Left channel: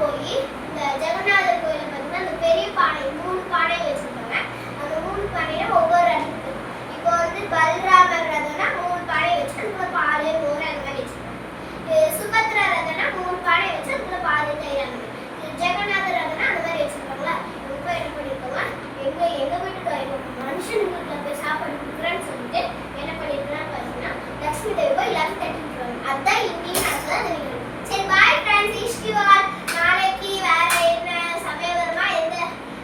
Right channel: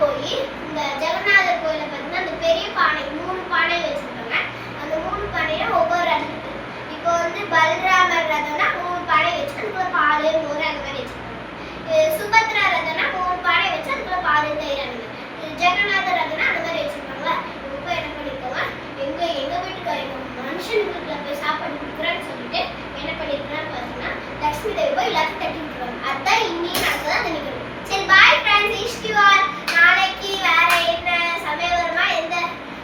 போய் இந்த ஜெகநாதர் கோயில பார்த்தீங்கன்னா அந்த பெரிய பானை 3 பானை வச்சிருக்காங்க. அந்த 3 பானையில ஒவ்வொரு ரதம் இருக்கு. இப்போ வந்து பல்ராமர் ரதம்னா 3 பானை வச்சு அதுக்குள்ள பால் மோர் அந்த மாதிரி வச்சிருக்காங்க. சுபத்ரா ரதம்னா 3 பானை வச்சு அதுக்குள்ள பால் தயிர் அந்த மாதிரி. ஜெகநாதர் ரதம்னா அந்த மாதிரி வச்சிருக்காங்களா. ரொம்ப என்ன பண்ணிருக்கோங்க எங்க வீட்டுக்கு மனுஷன் வீட்டுல போய் சாப்பாடு கொடுக்குறான்னு சொல்லிட்டு என்ன பண்ணிருக்கான்னு பார்த்தீங்கன்னா லட்சுமி தேவி போய் எல்லாத்தையும் தட்டி விட்டுருவாங்க. அதுதான் இன்னைக்கு நடக்குதான் அந்த நிகழ்வு. சரி பாய் ஃப்ரெண்ட்ஸ், இஷ்டிவார் நாளைக்கு வேற என்ன சமயபுரமா எந்த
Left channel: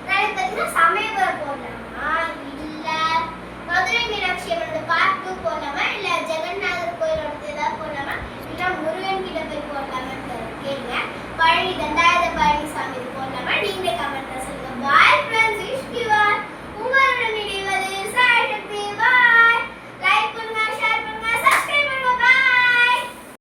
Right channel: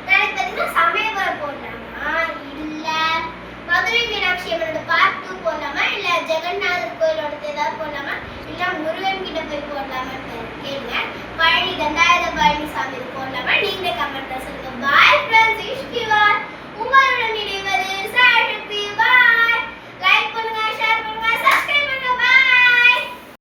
நாளைக்கு பார்த்தீங்கன்னா சமயபுரம் போடலாமா இல்ல மதுரை மீனாட்சி அம்மனோட பார்ட் 2 போடலாமா இல்ல ஜெகநாதர் கோயிலோட ஏதாவது போடலாமா இல்ல முருகன் கிட்ட போய் போடலாமான்னு கேளுங்க. பழனி தண்டாயுத பழனி சாமி போடலாமா நீங்களே கமெண்ட்ல சொல்லுங்க. பாய் ஃப்ரெண்ட்ஸ், இஷ்டிவார் உங்களோட